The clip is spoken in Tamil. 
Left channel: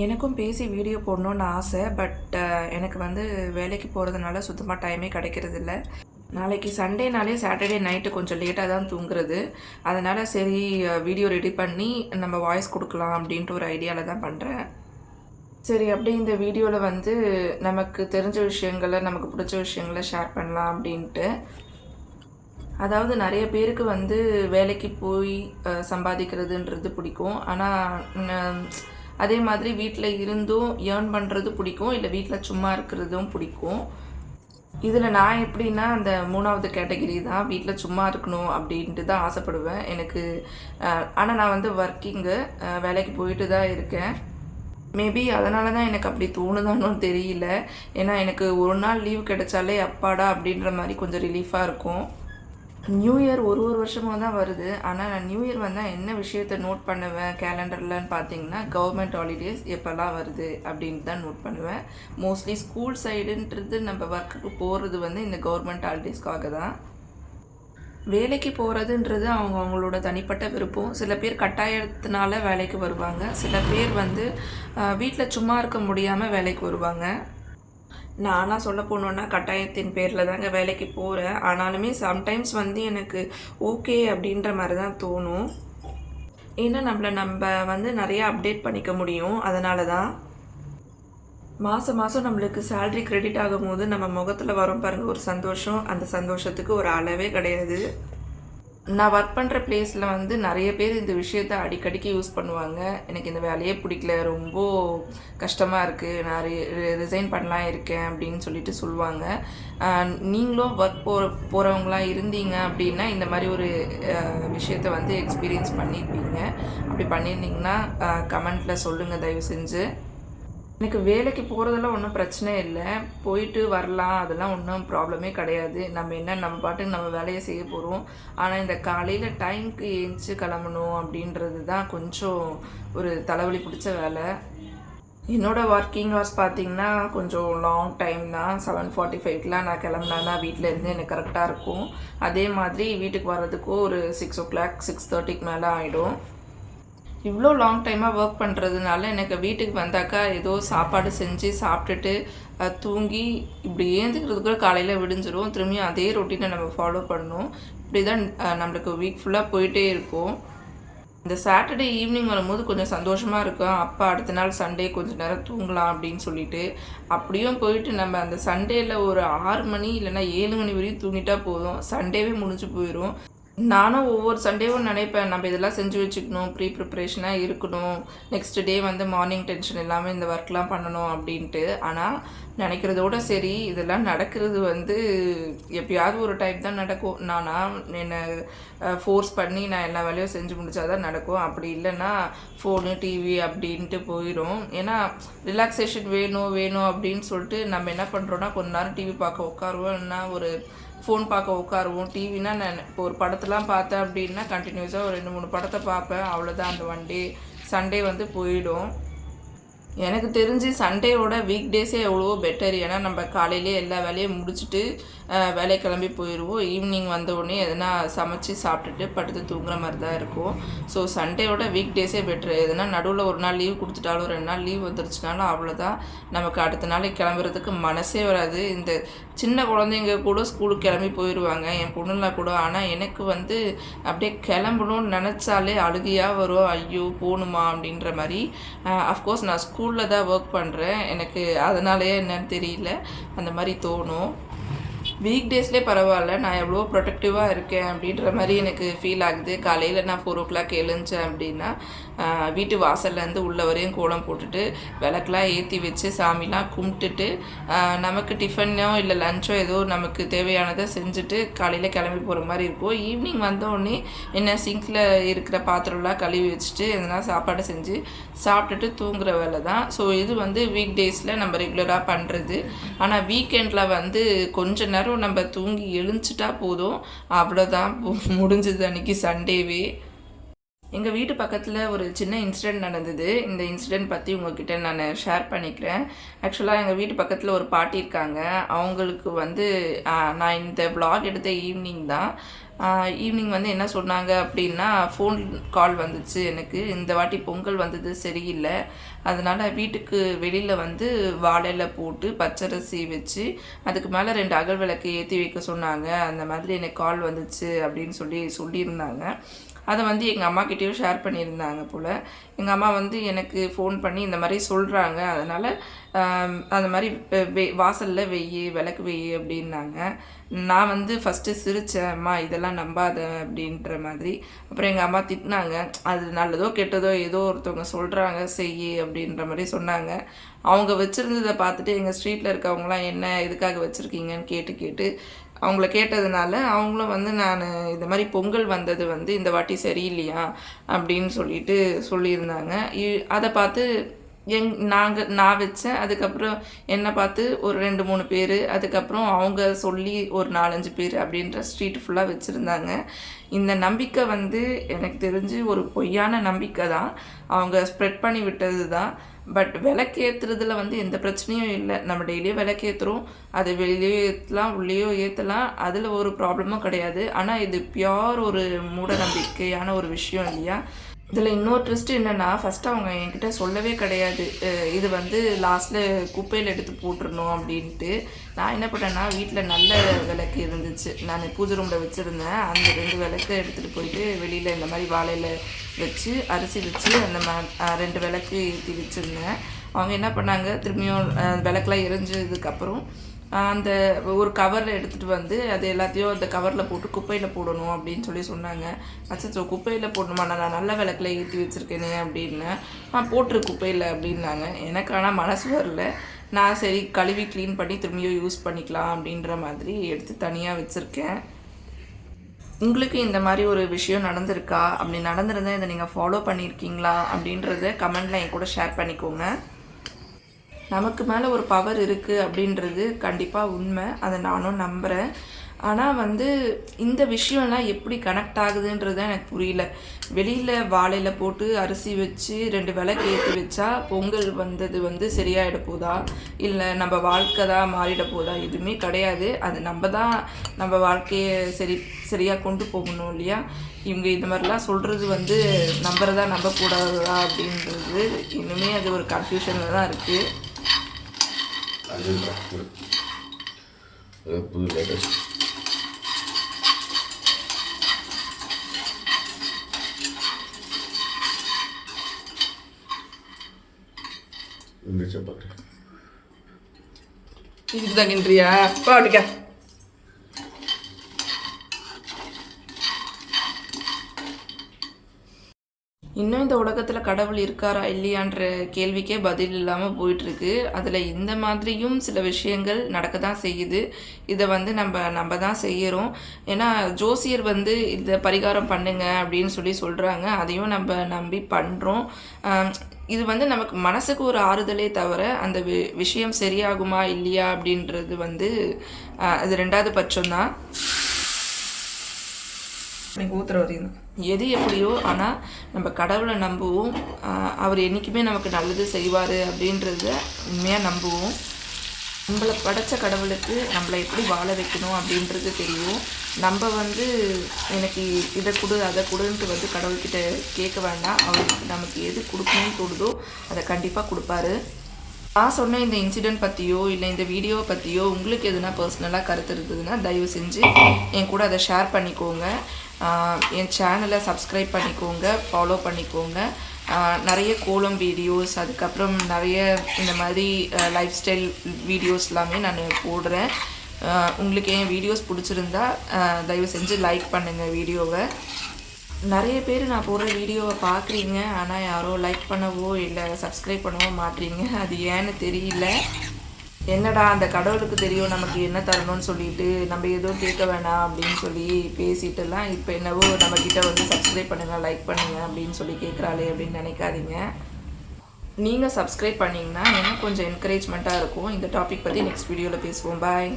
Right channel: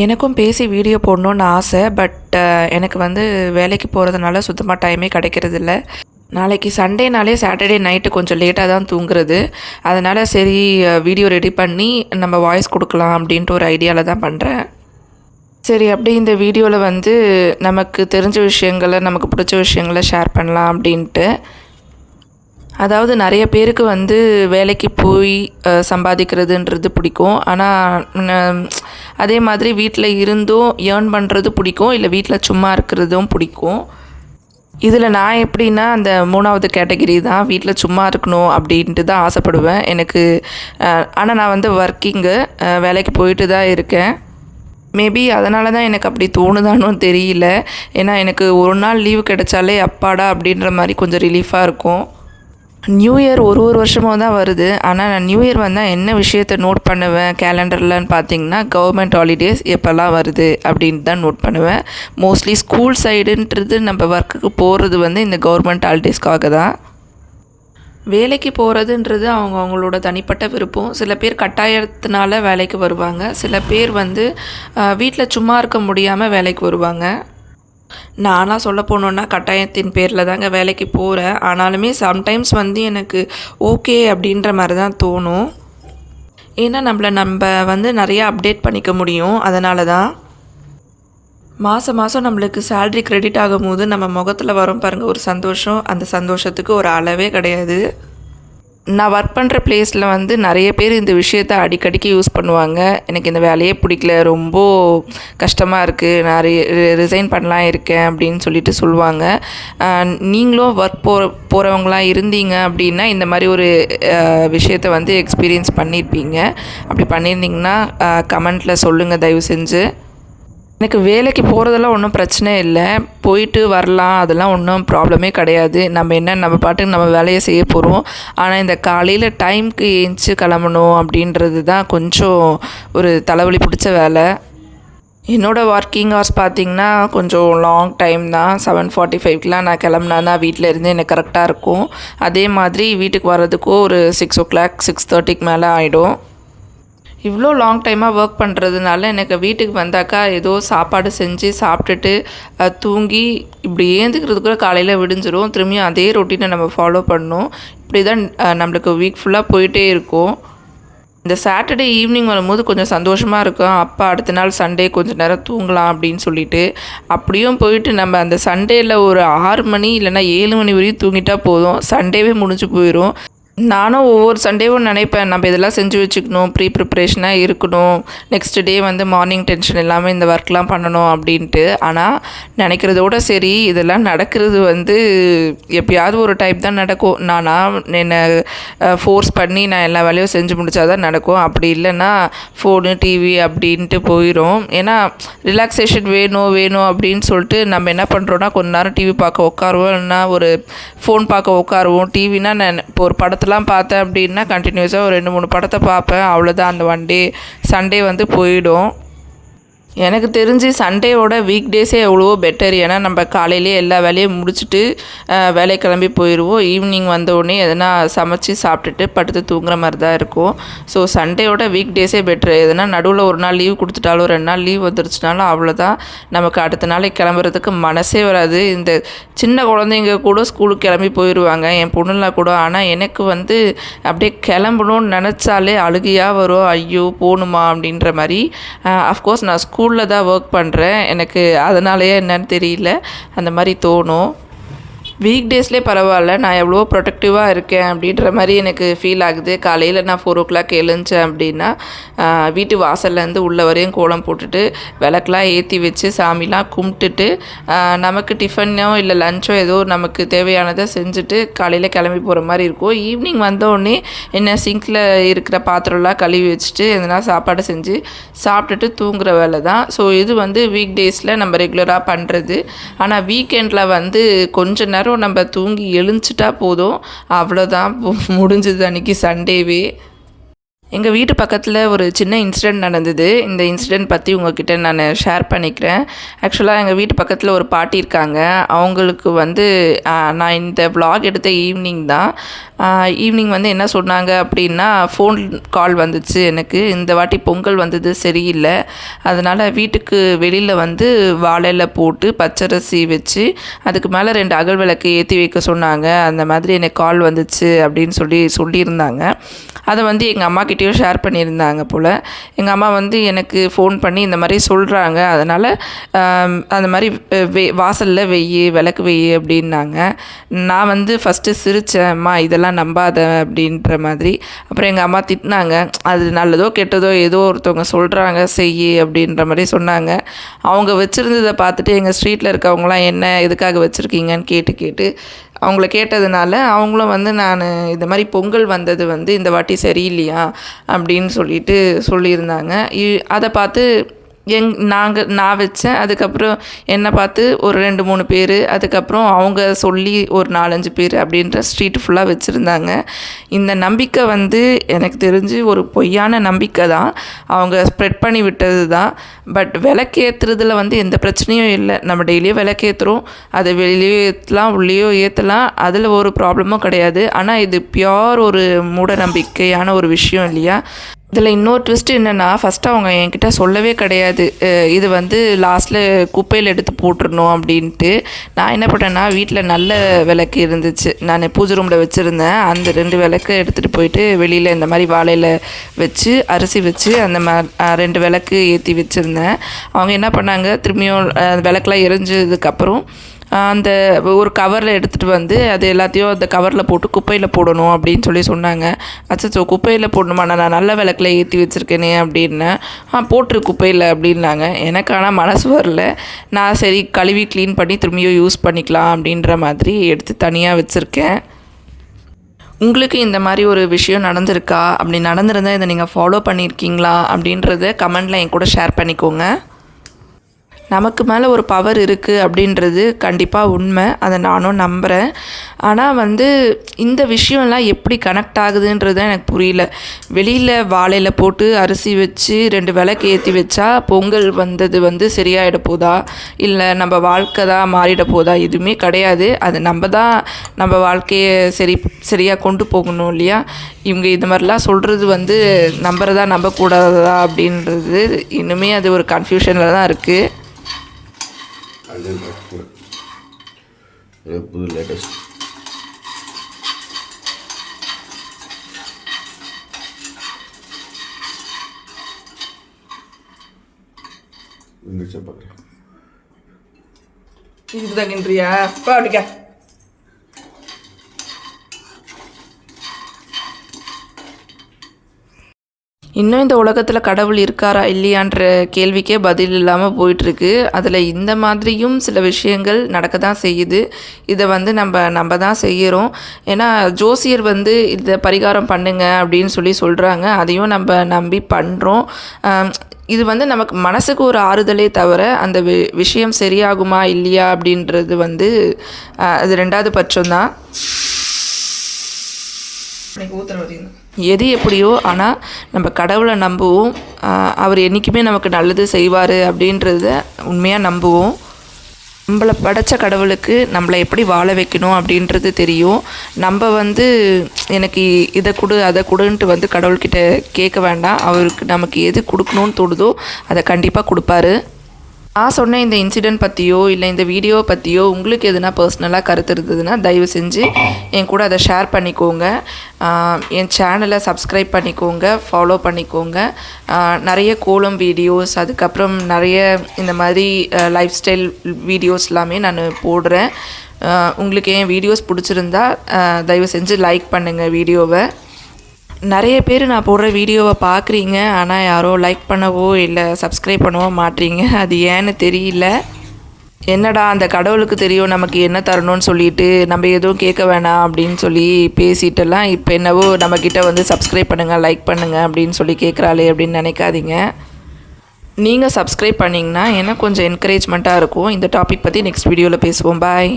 எனக்கும் பேசி வீடியோ போடணுன்னு ஆசை. பட் எனக்கு வந்து வேலைக்கு போகிறதுனால சுத்தமாக டைமே கிடைக்கிறதில்ல. நாளைக்கு சண்டேனாலே சாட்டர்டே நைட்டு கொஞ்சம் லேட்டாக தான் தூங்குறது. அதனால் சரி வீடியோ ரெடி பண்ணி நம்ம வாய்ஸ் கொடுக்கலாம் அப்படின்ட்டு ஒரு ஐடியாவில் தான் பண்ணுறேன். சரி, அப்படி இந்த வீடியோவில் வந்து நமக்கு தெரிஞ்ச விஷயங்களை, நமக்கு பிடிச்ச விஷயங்களை ஷேர் பண்ணலாம் அப்படின்ட்டு. அதாவது நிறைய பேருக்கு வந்து வேலைக்கு போய் சம்பாதிக்கிறதுன்றது பிடிக்கும். ஆனால் அதே மாதிரி வீட்டில் இருந்தும் ஏர்ன் பண்ணுறது பிடிக்கும், இல்லை வீட்டில் சும்மா இருக்கிறதும் பிடிக்கும். இதில் நான் எப்படின்னா அந்த 3வது கேட்டகிரி தான். வீட்டில் சும்மா இருக்கணும் அப்படின்ட்டு தான் ஆசைப்படுவேன் எனக்கு. ஆனால் நான் வந்து ஒர்க்கிங்கு, வேலைக்கு போயிட்டு தான் இருக்கேன். மேபி அதனால தான் எனக்கு அப்படி தோணுதானும் தெரியல. ஏன்னா எனக்கு ஒரு நாள் லீவு கிடைச்சாலே அப்பாடா அப்படின்ற மாதிரி கொஞ்சம் ரிலீஃபாக இருக்கும். நியூ இயர் ஒரு வருஷமும் தான் வருது. ஆனால் நான் நியூ இயர் வந்தால் என்ன விஷயத்தை நோட் பண்ணுவேன் கேலண்டர்லன்னு பார்த்தீங்கன்னா, கவர்மெண்ட் ஹாலிடேஸ் எப்போல்லாம் வருது அப்படின்ட்டு தான் நோட் பண்ணுவேன். மோஸ்ட்லி ஸ்கூல் சைடுன்றது நம்ம ஒர்க்குக்கு போகிறது வந்து இந்த கவர்மெண்ட் ஹாலிடேஸ்க்காக தான். வேலைக்கு போகிறதுன்றது அவங்களோட தனிப்பட்ட விருப்பம். சில பேர் கட்டாயத்தினால வேலைக்கு வருவாங்க, சில பேர் வந்து வீட்டில் சும்மா இருக்க முடியாமல் வேலைக்கு வருவாங்க. நானாக சொல்ல போனோன்னா கட்டாயத்தின் பேரில் தாங்க வேலைக்கு போகிறேன். ஆனாலுமே சம்டைம்ஸ் வந்து எனக்கு ஓகே அப்படின்ற மாதிரி தான் தோணும். ஏன்னா நம்ம வந்து நிறையா அப்டேட் பண்ணிக்க முடியும். அதனால தான் மாதம் நம்மளுக்கு சேல்ரி க்ரெடிட் ஆகும்போது நம்ம முகத்தில் வரும் பாருங்கள் ஒரு சந்தோஷம். அந்த சந்தோஷத்துக்கு ஒரு அளவே கிடையாது. நான் ஒர்க் பண்ணுற ப்ளேஸில் வந்து நிறைய பேர் இந்த விஷயத்தை அடிக்கடிக்கு யூஸ் பண்ணுவாங்க. எனக்கு இந்த வேலையே பிடிக்கல, ரொம்ப கஷ்டமாக இருக்குது, நான் ரிசைன் பண்ணலாம் இருக்கேன் அப்படின்னு சொல்லிட்டு சொல்லுவாங்க. நீங்களும் ஒர்க் போகிறவங்களாம் இருந்தீங்க அப்படின்னா இந்த மாதிரி ஒரு விஷயத்தை வந்து எக்ஸ்பீரியன்ஸ் பண்ணியிருப்பீங்க. அப்படி பண்ணியிருந்தீங்கன்னா கமெண்ட்டில் சொல்லுங்கள் தயவு செஞ்சு. எனக்கு வேலைக்கு போகிறதெல்லாம் ஒன்றும் பிரச்சனை இல்லை, போயிட்டு வரலாம், அதெல்லாம் ஒன்றும் ப்ராப்ளமே கிடையாது. நம்ம பாட்டுக்கு நம்ம வேலையை செய்ய போகிறோம். ஆனால் இந்த காலையில் டைமுக்கு ஏஞ்சி கிளம்பணும் அப்படின்றது தான் கொஞ்சம் ஒரு தலைவலி பிடிச்ச வேலை. என்னோடய ஒர்க்கிங் ஹவர்ஸ் பார்த்திங்கன்னா கொஞ்சம் லாங் டைம் தான். 7:45 நான் கிளம்புனா தான் வீட்டில் இருந்து எனக்கு கரெக்டாக இருக்கும். அதே மாதிரி வீட்டுக்கு வர்றதுக்கும் ஒரு 6 o'clock 6:30 மேலே ஆகிடும். இவ்வளோ லாங் டைமாக ஒர்க் பண்ணுறதுனால எனக்கு வீட்டுக்கு வந்தாக்கா ஏதோ சாப்பாடு செஞ்சு சாப்பிட்டுட்டு தூங்கி இப்படி ஏந்துக்கிறதுக்குள்ள காலையில் விடிஞ்சிரும். திரும்பியும் அதே ரொட்டீனை நம்ம ஃபாலோ பண்ணணும். இப்படி தான் நம்மளுக்கு வீக் ஃபுல்லாக போயிட்டே இருக்கும். இந்த சாட்டர்டே ஈவினிங் வரும்போது கொஞ்சம் சந்தோஷமாக இருக்கும். அப்பா அடுத்த நாள் சண்டே கொஞ்சம் நேரம் தூங்கலாம் அப்படின்னு சொல்லிட்டு. அப்படியும் போயிட்டு நம்ம அந்த சண்டேயில் ஒரு 6 மணி இல்லைனா 7 மணி வரையும் தூங்கிட்டால் போதும், சண்டேவே முடிஞ்சு போயிடும். நானும் ஒவ்வொரு சண்டேவும் நினைப்பேன், நம்ம இதெல்லாம் செஞ்சு வச்சுக்கணும், ப்ரிப்ரேஷனாக இருக்கணும், நெக்ஸ்ட் டே வந்து மார்னிங் டென்ஷன் இல்லாமல் இந்த ஒர்க்லாம் பண்ணணும் அப்படின்ட்டு. ஆனால் நினைக்கிறதோட சரி, இதெல்லாம் நடக்கிறது வந்து எப்பயாவது ஒரு டைப் தான் நடக்கும். என்னை ஃபோர்ஸ் பண்ணி நான் எல்லா வேலையும் செஞ்சு முடித்தா தான் நடக்கும். அப்படி இல்லைன்னா ஃபோனு டிவி அப்படின்ட்டு போயிடும். ஏன்னா ரிலாக்ஸேஷன் வேணும் அப்படின்னு சொல்லிட்டு நம்ம என்ன பண்ணுறோன்னா கொஞ்ச நேரம் டிவி பார்க்க உட்காருவோம், இல்லைன்னா ஒரு ஃபோன் பார்க்க உட்காருவோம். டிவினா நான் இப்போ ஒரு படத்தெலாம் பார்த்தேன் அப்படின்னா கண்டினியூஸாக ஒரு 2-3 படத்தை பார்ப்பேன். அவ்வளோதான், அந்த சண்டே வந்து போயிடும். எனக்கு தெரிஞ்சு சண்டேவோட வீக் டேஸே எவ்வளவோ பெட்டர். ஏன்னா நம்ம காலையிலே எல்லா வேலையும் முடிச்சுட்டு வேலை கிளம்பி போயிடுவோம். ஈவினிங் வந்தோடனே எதனா சமைச்சு சாப்பிட்டுட்டு படுத்து தூங்குற மாதிரி தான் இருக்கும். ஸோ சண்டேவோட வீக் டேஸே பெட்ரு. எதனா நடுவில் ஒரு நாள் லீவ் கொடுத்துட்டாலும் 2 நாள் லீவ் வந்துருச்சுனாலும் அவ்வளோதான், நமக்கு அடுத்த நாளைக்கு கிளம்புறதுக்கு மனசே வராது. இந்த சின்ன குழந்தைங்க கூட ஸ்கூலுக்கு கிளம்பி போயிடுவாங்க, என் பொண்ணுலாம் கூட. ஆனால் எனக்கு வந்து அப்படியே கிளம்பணும்னு நினச்சாலே அழுகையாக வரும். ஐயோ போகணுமா அப்படின்ற மாதிரி. அஃப்கோர்ஸ் நான் ஸ்கூலில் தான் ஒர்க் பண்ணுறேன், எனக்கு அதனாலேயே என்னன்னு தெரியல அந்த மாதிரி தோணும். வீக் டேஸ்லேயே பரவாயில்ல, நான் எவ்வளோ ப்ரொடக்டிவாக இருக்கேன் அப்படின்ற மாதிரி எனக்கு ஃபீல் ஆகுது. காலையில் நான் 4 o'clock எழுந்தேன் அப்படின்னா வீட்டு வாசல்லேருந்து உள்ள வரையும் கோலம் போட்டுட்டு விளக்கெலாம் ஏற்றி வச்சு சாமிலாம் கும்பிட்டுட்டு நமக்கு டிஃபனோ இல்லை லஞ்சோ ஏதோ நமக்கு தேவையானதை செஞ்சுட்டு காலையில் கிளம்பி போகிற மாதிரி இருக்கும். ஈவினிங் வந்தோடனே என்ன சிங்கில் இருக்கிற பாத்திரம்லாம் கழுவி வச்சுட்டு எதனா சாப்பாடு செஞ்சு சாப்பிட்டுட்டு தூங்குற வேலை தான். ஸோ இது வந்து வீக் டேஸில் நம்ம ரெகுலராக பண்ணுறது. ஆனால் வீக்கெண்டில் வந்து கொஞ்ச நேரம் நம்ம தூங்கி எழுந்துச்சிட்டா போதும், அவ்வளோதான், முடிஞ்சது அன்றைக்கி சண்டேவே. எங்கள் வீட்டு பக்கத்தில் ஒரு சின்ன இன்சிடெண்ட் நடந்தது. இந்த இன்சிடெண்ட் பற்றி உங்கள்கிட்ட நான் ஷேர் பண்ணிக்கிறேன். ஆக்சுவலாக எங்கள் வீட்டு பக்கத்தில் ஒரு பாட்டி இருக்காங்க. அவங்களுக்கு வந்து நான் இந்த vlog எடுத்த ஈவினிங் தான். ஈவினிங் வந்து என்ன சொன்னாங்க அப்படின்னா, ஃபோன் கால் வந்துச்சு எனக்கு. இந்த வாட்டி பொங்கல் வந்தது சரியில்லை, அதனால் வீட்டுக்கு வெளியில் வந்து வாழையில போட்டு பச்சரிசி வச்சு அதுக்கு மேலே 2 அகல் விளக்கு ஏற்றி வைக்க சொன்னாங்க. அந்த மாதிரி எனக்கு கால் வந்துச்சு அப்படின்னு சொல்லியிருந்தாங்க. அதை வந்து எங்கள் அம்மாக்கிட்டேயும் ஷேர் பண்ணியிருந்தாங்க போல். எங்கள் அம்மா வந்து எனக்கு ஃபோன் பண்ணி இந்த மாதிரி சொல்கிறாங்க, அதனால் அந்த மாதிரி வாசலில் விளக்கு வெய்யி அப்படின்னாங்க. நான் வந்து ஃபஸ்ட்டு சிரித்தேன், அம்மா இதெல்லாம் நம்பாத அப்படின்ற மாதிரி. அப்புறம் எங்கள் அம்மா திட்டினாங்க, அது நல்லதோ கெட்டதோ ஏதோ ஒருத்தவங்க சொல்கிறாங்க செய் அப்படின்ற மாதிரி சொன்னாங்க. அவங்க வச்சுருந்ததை பார்த்துட்டு எங்கள் ஸ்ட்ரீட்டில் இருக்கவங்களாம் என்ன எதுக்காக வச்சுருக்கீங்கன்னு கேட்டு அவங்கள கேட்டதுனால அவங்களும் வந்து நான் இந்த மாதிரி பொங்கல் வந்தது வந்து இந்த வாட்டி சரியில்லையா அப்படின்னு சொல்லியிருந்தாங்க. அதை பார்த்து நான் வச்சேன். அதுக்கப்புறம் என்னை பார்த்து ஒரு 2-3 பேர், அதுக்கப்புறம் அவங்க சொல்லி ஒரு 4-5 பேர் அப்படின்ற ஸ்ட்ரீட் ஃபுல்லாக வச்சுருந்தாங்க. இந்த நம்பிக்கை வந்து எனக்கு தெரிஞ்சு ஒரு பொய்யான நம்பிக்கை தான், அவங்க ஸ்ப்ரெட் பண்ணி விட்டது தான். பட் விளக்கேற்றுறதுல வந்து எந்த பிரச்சனையும் இல்லை. நம்ம டெய்லியும் விளக்கேற்றுறோம், அதை வெளியே ஏற்றலாம் உள்ளேயோ ஏற்றலாம், அதில் ஒரு ப்ராப்ளமும் கிடையாது. ஆனால் இது பியோர் ஒரு மூட நம்பிக்கையான ஒரு விஷயம் இல்லையா? இதில் இன்னொரு ட்விஸ்ட் என்னென்னா, ஃபஸ்ட்டு அவங்க என்கிட்ட சொல்லவே கிடையாது, இது வந்து லாஸ்ட்டில் குப்பையில் எடுத்து போட்டுருணும் அப்படின்ட்டு. நான் என்ன பண்ணேன்னா, வீட்டில் நல்ல விளக்கு இருந்துச்சு, நான் பூஜை ரூமில் வச்சுருந்தேன். அந்த 2 விளக்கு எடுத்துகிட்டு போயிட்டு வெளியில் இந்த மாதிரி வாழையில் வச்சு அரிசி வச்சு அந்த 2 விளக்கு ஏற்றி வச்சுருந்தேன். அவங்க என்ன பண்ணாங்க, திரும்பியும் விளக்கெலாம் எரிஞ்சதுக்கப்புறம் அந்த ஒரு கவரில் எடுத்துகிட்டு வந்து அது எல்லாத்தையும் அந்த கவரில் போட்டு குப்பையில் போடணும் அப்படின்னு சொன்னாங்க. அச்சோ, குப்பையில் போடணுமா, நான் நல்ல விளக்கில் ஏற்றி வச்சுருக்கேனே அப்படின்னேன். போட்டுரு குப்பையில் அப்படின்னாங்க. எனக்கு ஆனால் மனசு வரல. நான் சரி கழுவி க்ளீன் பண்ணி திரும்பியும் யூஸ் பண்ணிக்கலாம் அப்படின்ற மாதிரி எடுத்து தனியாக வச்சுருக்கேன். உங்களுக்கு இந்த மாதிரி ஒரு விஷயம் நடந்திருக்கா? அப்படி நடந்திருந்தால் இதை நீங்கள் ஃபாலோ பண்ணியிருக்கீங்களா அப்படின்றத கமெண்டில் என் கூட ஷேர் பண்ணிக்கோங்க. நமக்கு மேலே ஒரு பவர் இருக்குது அப்படின்றது கண்டிப்பாக உண்மை, அதை நானும் நம்புகிறேன். ஆனால் வந்து இந்த விஷயம்லாம் எப்படி கனெக்ட் ஆகுதுன்றது எனக்கு புரியல. வெளியில் வாழையில் போட்டு அரிசி வச்சு 2 விளக்கு ஏற்றி வச்சா பொங்கல் வந்தது வந்து சரியாயிட போதா, இல்லை நம்ம வாழ்க்கை தான் மாறிட போதா? எதுவுமே கிடையாது. அது நம்ம தான் நம்ம வாழ்க்கையை சரியாக கொண்டு போகணும் இல்லையா? இவங்க இந்த மாதிரிலாம் சொல்கிறது வந்து நம்புறதா நம்பக்கூடாதா அப்படின்றது இன்னுமே அது ஒரு கன்ஃபியூஷனில் தான் இருக்குது. புது லேட்டஸ்ட் பார்க்குறேன். இதுக்கு தாங்கின்றியா பாடிக்கா? இன்னும் இந்த உலகத்தில் கடவுள் இருக்காரா இல்லையான்ற கேள்விக்கே பதில் இல்லாமல் போயிட்டுருக்கு. அதில் இந்த மாதிரியும் சில விஷயங்கள் நடக்க தான் செய்யுது. இதை வந்து நம்ம தான் செய்கிறோம். ஏன்னா ஜோசியர் வந்து இதை பரிகாரம் பண்ணுங்க அப்படின்னு சொல்கிறாங்க. அதையும் நம்ம நம்பி பண்ணுறோம். இது வந்து நமக்கு மனசுக்கு ஒரு ஆறுதலே தவிர அந்த விஷயம் சரியாகுமா இல்லையா அப்படின்றது வந்து அது 2வது பட்சம்தான். எது எப்படியோ, ஆனால் நம்ம கடவுளை நம்புவோம். அவர் என்றைக்குமே நமக்கு நல்லது செய்வார் அப்படின்றத உண்மையாக நம்புவோம். நம்மளை படைத்த கடவுளுக்கு நம்மளை எப்படி வாழ வைக்கணும் அப்படின்றது தெரியும். நம்ம வந்து எனக்கு இதை கொடு அதை கொடுன்ட்டு வந்து கடவுள்கிட்ட கேட்க வேண்டாம். அவருக்கு நமக்கு எது கொடுக்கணும்னு தோணுதோ அதை கண்டிப்பாக கொடுப்பாரு. நான் சொன்ன இந்த இன்சிடெண்ட் பற்றியோ இல்லை இந்த வீடியோவை பற்றியோ உங்களுக்கு எதுனா பர்சனலாக கருத்து இருந்ததுன்னா தயவு செஞ்சு என் கூட அதை ஷேர் பண்ணிக்கோங்க. என் சேனலை சப்ஸ்கிரைப் பண்ணிக்கோங்க, ஃபாலோ பண்ணிக்கோங்க. நிறைய கோலம் வீடியோஸ், அதுக்கப்புறம் நிறைய இந்த மாதிரி லைஃப் ஸ்டைல் வீடியோஸ் எல்லாமே நான் போடுறேன். உங்களுக்கு என் வீடியோஸ் பிடிச்சிருந்தா தயவு செஞ்சு லைக் பண்ணுங்கள் வீடியோவை. நிறைய பேர் நான் போடுற வீடியோவை பார்க்குறீங்க, ஆனால் யாரோ லைக் பண்ணவோ இல்லை சப்ஸ்கிரைப் பண்ணவோ மாட்டீங்க. அது ஏன்னு தெரியல. என்னடா அந்த கடவுளுக்கு தெரியும் நமக்கு என்ன தரணும்னு சொல்லிட்டு நம்ம எதுவும் கேட்க வேணாம் அப்படின்னு பேசிட்டெல்லாம் இப்போ என்னவோ நம்மக்கிட்ட வந்து சப்ஸ்கிரைப் பண்ணுங்கள் லைக் பண்ணுங்கள் அப்படின்னு கேட்குறாளே அப்படின்னு நினைக்காதீங்க. நீங்கள் சப்ஸ்கிரைப் பண்ணிங்கன்னா எனக்கு கொஞ்சம் என்கரேஜ்மெண்ட்டாக இருக்கும். இந்த டாபிக் பற்றி நெக்ஸ்ட் வீடியோவில் பேசுவோம். பாய்.